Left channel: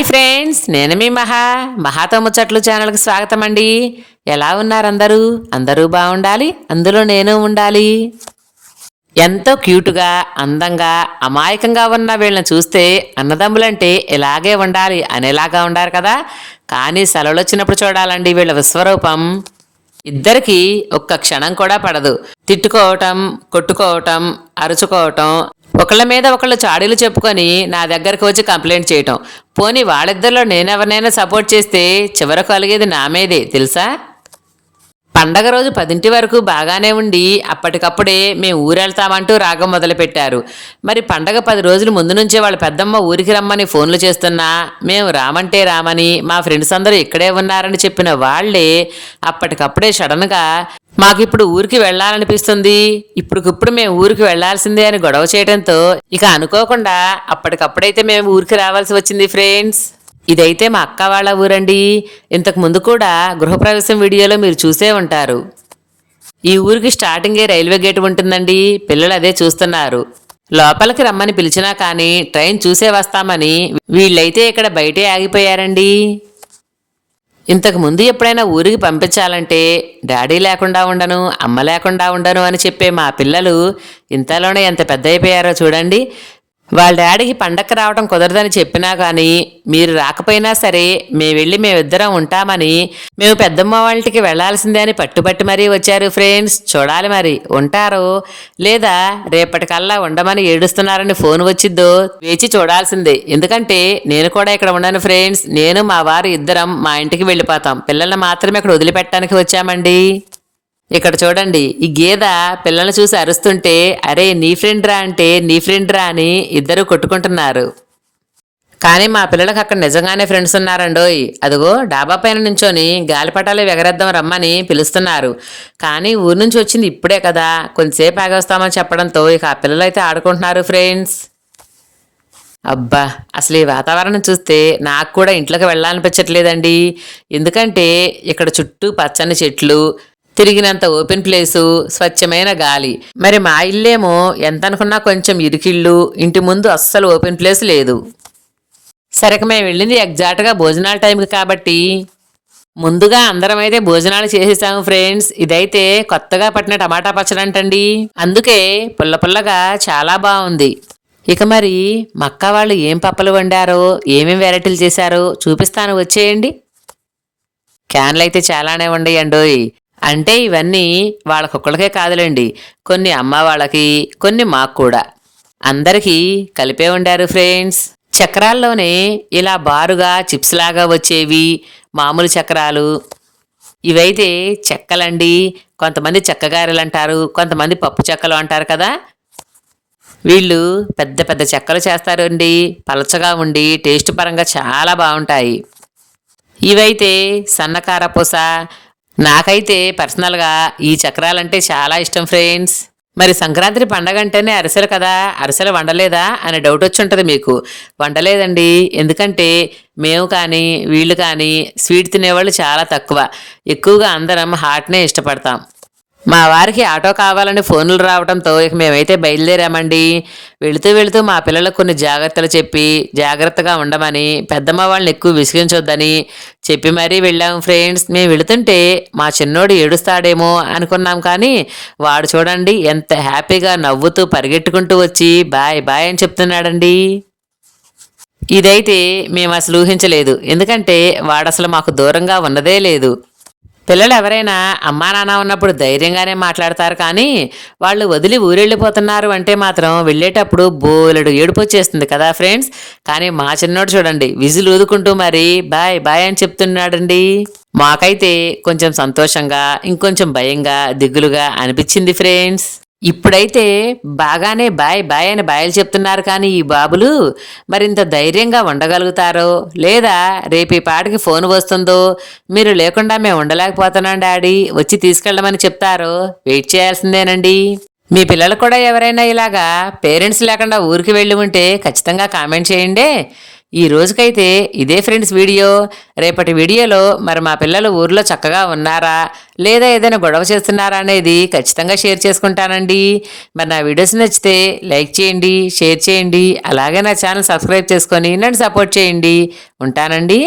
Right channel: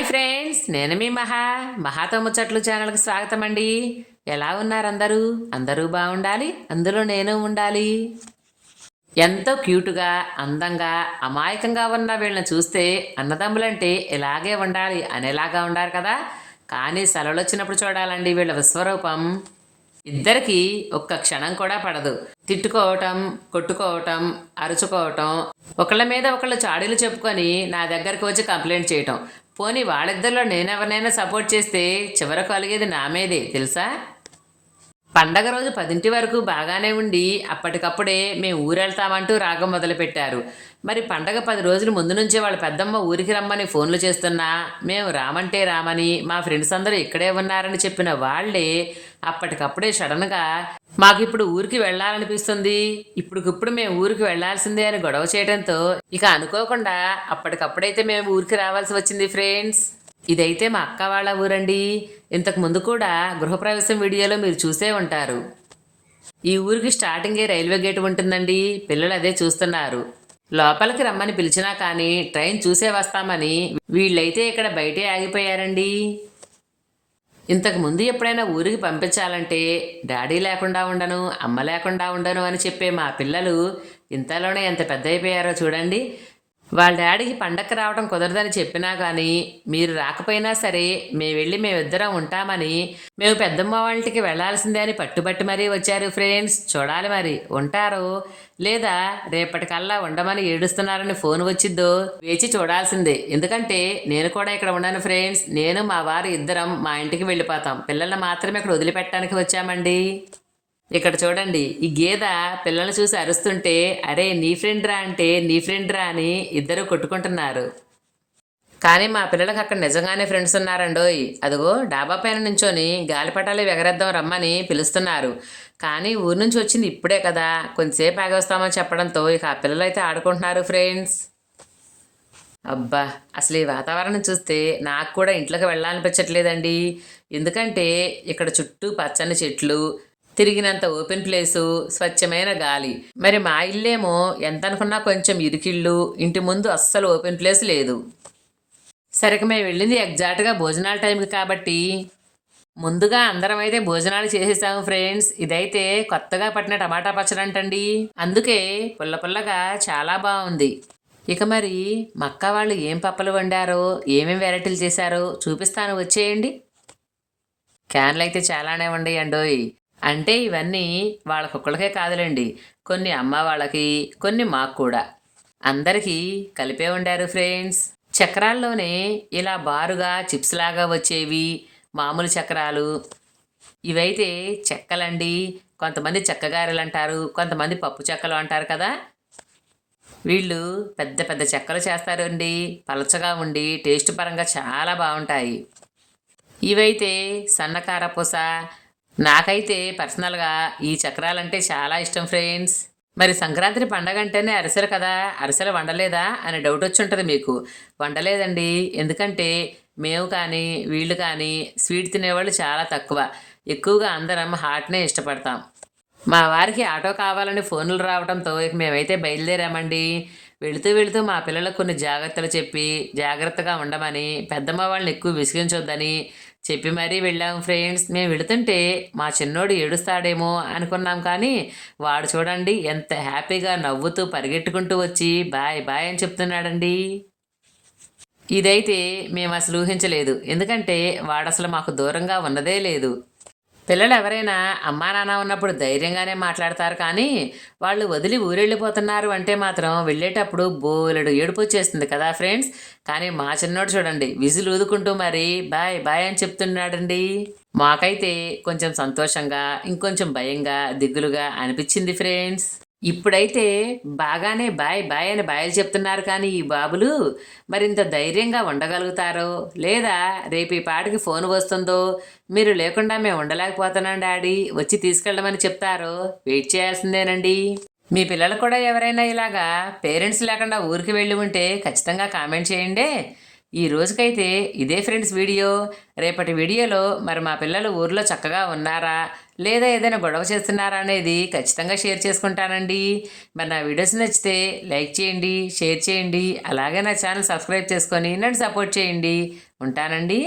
Hi friends నేను మీ మహా. మహాతో ముచ్చట్లు ఛానల్కి స్వాగతం అండి ఎలా ఉన్నారు అందరూ? అందరూ బాగుండాలి అందులో నేను ఉండాలి. ఎంతో క్యూట్గా అందంగా అమాయకంగా ఉన్న వీళ్ళని చూస్తే అన్నదమ్ములంటే ఇలాగే ఉండాలి అనేలాగా ఉండారు కదా. కానీ సెలవులు వచ్చినప్పుడు చూడాలండి వీళ్ళ విశ్వరూపం. ఇద్దరికి ఒక్క క్షణం కూడా పడదు. తిట్టుకోవటం కొట్టుకోవటం అరుచుకోవటం ఒకళ్ళ మీద ఒకళ్ళు చాడీలు చెప్పుకొని నా దగ్గరకు వచ్చి కంప్లైంట్ చేయటం. పోనీ వాళ్ళిద్దరిలో నేనెవరినైనా సపోర్ట్ చేస్తే చివరకు కలిగేది నా మీదే తెలుసా? పండగ రోజు పదింటి వరకు బాగానే ఉండి అప్పటికప్పుడే మేము ఊరెళ్తామంటూ రాగం మొదలుపెట్టారు. మరి పండగ పది రోజుల ముందు నుంచే వాళ్ళ పెద్దమ్మ ఊరికి రమ్మని ఫోన్లు చేస్తున్నా మేము రామంటే రామని మా ఫ్రెండ్స్ అందరూ ఇక్కడే ఉన్నారని చెప్పిన వాళ్ళే అప్పటికప్పుడే సడన్గా మాకిప్పుడు ఊరికి వెళ్ళాలనిపిస్తుంది. ఇప్పుడుకిప్పుడు మేము ఊరికి వెళ్ళాల్సిందే అని గొడవ చేయడంతో ఇక అనుకోకుండా అప్పటికప్పుడైతే మేము ఊరికి రావాల్సి వచ్చింది ఫ్రెండ్స్. ఇదైతే మా అక్క వాళ్ళ ఊరండి. ఇంతకు ముందు కూడా గృహప్రవేశం వీడియోలో మీరు చూసే ఉంటారు. ఈ ఊరికి స్టార్టింగే రైల్వే గేట్ ఉంటుందండి. పిల్లలు అదే చూస్తున్నారు. లోపలికి రమ్మని పిలిచినా కానీ ట్రైన్ చూసే వస్తామని వీళ్ళైతే ఇక్కడ బయటే ఆగిపోయారండి. ఇంతకు ముందు ఎప్పుడైనా ఊరికి పంపించాలంటే డాడీ లేకుండా ఉండను అమ్మ లేకుండా ఉండను అని చెప్పే మా పిల్లలు ఇంతలోనే ఎంత పెద్ద అయిపోయారో చూడండి. వాళ్ళ డాడీకి పండక్కి రావడం కుదరదని చెప్పినా కానీ మీరు రాకపోయినా సరే మేము వెళ్ళి మేమిద్దరం ఉంటామని మేము పెద్దమ్మ వాళ్ళకి వెళ్ళాల్సిందే అని పట్టుబట్టి మరీ వచ్చారు ఫ్రెండ్స్. చూడాలి మరి ఉంటారో. లేదా రేపటికల్లా ఉండమని ఏడుస్తున్నారని ఫోన్ వచ్చిద్దో వేచి చూడాల్సిందే. ఎందుకంటే నేను కూడా ఇక్కడ ఉండను ఫ్రెండ్స్. నేను మా వారు ఇద్దరం మా ఇంటికి వెళ్ళిపోతాం. పిల్లల్ని మాత్రమే ఇక్కడ వదిలిపెట్టడానికి వచ్చామండి. ఇక్కడ చూడండి ఈ గేద పిల్లల్ని చూసి అరుస్తుంటే అరే నీ ఫ్రెండ్ రా అంటే నీ ఫ్రెండ్ రా అని ఇద్దరు కొట్టుకుంటున్నారు. కానీ మా పిల్లలకు అక్కడ నిజంగానే ఫ్రెండ్స్ ఉన్నారండోయ్. అదిగో డాబా పైన నుంచొని గాలిపటాలు ఎగరేద్దాం రమ్మని పిలుస్తున్నారు. కానీ ఊరు నుంచి వచ్చింది ఇప్పుడే కదా. కొంతసేపు ఆగొస్తామని చెప్పడంతో ఇక ఆ పిల్లలు అయితే ఆడుకుంటున్నారు ఫ్రెండ్స్ అబ్బా అసలు ఈ వాతావరణం చూస్తే నాకు కూడా ఇంట్లోకి వెళ్ళాలనిపించట్లేదండి. ఎందుకంటే ఇక్కడ చుట్టూ పచ్చని చెట్లు తిరిగినంత ఓపెన్ ప్లేసు స్వచ్ఛమైన గాలి. మరి మా ఇల్లేమో ఎంత అనుకున్నా కొంచెం ఇరికిళ్ళు ఇంటి ముందు అస్సలు ఓపెన్ ప్లేస్ లేదు. సరికి మేము వెళ్ళింది ఎగ్జాక్ట్గా భోజనాల టైంకి కాబట్టి. ముందుగా అందరం అయితే భోజనాలు చేసేసాము ఫ్రెండ్స్. ఇదైతే కొత్తగా పట్టిన టమాటా పచ్చడి అంటండి అందుకే పుల్ల పుల్లగా చాలా బాగుంది. ఇక మరి మక్క వాళ్ళు ఏం పప్పలు వండారో ఏమేం వెరైటీలు చేశారో చూపిస్తాను. వచ్చేయండి. క్యాన్లు అయితే చాలానే ఉండేయండోయ్. అంటే ఇవన్నీ వాళ్ళకొక్కడికే కాదులేండి. కొన్ని అమ్మ వాళ్ళకి కొన్ని మాకు కూడా. అందరికీ కలిపే ఉండారు ఫ్రెండ్స్. చక్రాల్లోనే ఇలా బారుగా చిప్స్ లాగా వచ్చేవి మామూలు చక్రాలు. ఇవైతే చెక్కలండి. కొంతమంది చెక్కగారెలు అంటారు కొంతమంది పప్పు చెక్కలు అంటారు కదా. వీళ్ళు పెద్ద పెద్ద చెక్కలు చేస్తారు అండి పలచగా ఉండి టేస్ట్ పరంగా చాలా బాగుంటాయి. ఇవైతే సన్నకార పూస నాకైతే పర్సనల్గా ఈ చక్రాలంటే చాలా ఇష్టం ఫ్రెండ్స్ మరి సంక్రాంతి పండగ అంటేనే అరిసెలు కదా? అరిసెలు వండలేదా? అనే డౌట్ వచ్చి ఉంటుంది మీకు. వండలేదండి. ఎందుకంటే మేము కానీ వీళ్ళు కానీ స్వీట్ తినేవాళ్ళు చాలా తక్కువ. ఎక్కువగా అందరం హాట్నే ఇష్టపడతాం. మా వారికి ఆటో కావాలని ఫోన్లు రావడంతో ఇక మేమైతే బయలుదేరామండి. వెళుతూ వెళుతూ మా పిల్లలకు కొన్ని జాగ్రత్తలు చెప్పి జాగ్రత్తగా ఉండమని పెద్దమ్మ వాళ్ళని ఎక్కువ విసిగించొద్దని చెప్పి మరీ వెళ్ళాం ఫ్రెండ్స్. మేము వెళుతుంటే మా చిన్నోడు ఏడుస్తాడేమో అనుకున్నాం కానీ వాడు చూడండి ఎంత హ్యాపీగా నవ్వుతూ పరిగెట్టుకుంటూ వచ్చి బాయ్ బాయ్ అని చెప్తున్నాడండి. ఇదైతే మేము అసలు ఊహించలేదు. ఎందుకంటే వాడు అసలు మాకు దూరంగా ఉన్నదే లేదు. పిల్లలు ఎవరైనా అమ్మా నాన్న ఉన్నప్పుడు ధైర్యంగానే మాట్లాడతారు కానీ వాళ్ళు వదిలి ఊరెళ్ళిపోతున్నారు అంటే మాత్రం వెళ్ళేటప్పుడు బోలెడు ఏడుపు వచ్చేస్తుంది కదా ఫ్రెండ్స్. కానీ మా చిన్నోడు చూడండి విజులు ఊదుకుంటూ మరి బాయ్ బాయ్ అని చెప్తున్నాడండి. మాకైతే కొంచెం సంతోషంగా ఇంకొంచెం భయంగా దిగులుగా అనిపించింది ఫ్రెండ్స్. ఇప్పుడైతే బాగానే బాయ్ బాయ్ అని బాయలు చెప్తున్నారు కానీ ఈ బాబులు మరింత ధైర్యంగా ఉండగలుగుతారో? లేదా రేపు ఈ పాటకి ఫోన్ వస్తుందో? మీరు లేకుండా మేము ఉండలేకపోతున్నాం డాడీ వచ్చి తీసుకెళ్ళమని చెప్తారో? వెయిట్ చేయాల్సిందేనండి. మీ పిల్లలు కూడా ఎవరైనా ఇలాగా పేరెంట్స్ లేకుండా ఊరికి వెళ్ళి ఉంటే ఖచ్చితంగా కామెంట్ చేయండి. ఈ రోజుకైతే ఇదే ఫ్రెండ్స్ వీడియో. రేపటి వీడియోలో మరి మా పిల్లలు ఊర్లో చక్కగా ఉన్నారా? లేదా ఏదైనా గొడవ చేస్తున్నారా అనేది ఖచ్చితంగా షేర్ చేసుకుంటానండి. మరి నా వీడియోస్ నచ్చితే లైక్ చేయండి షేర్ చేయండి. అలాగే నా ఛానల్ సబ్స్క్రైబ్ చేసుకొని నన్ను సపోర్ట్ చేయండి. ఉంటానండి.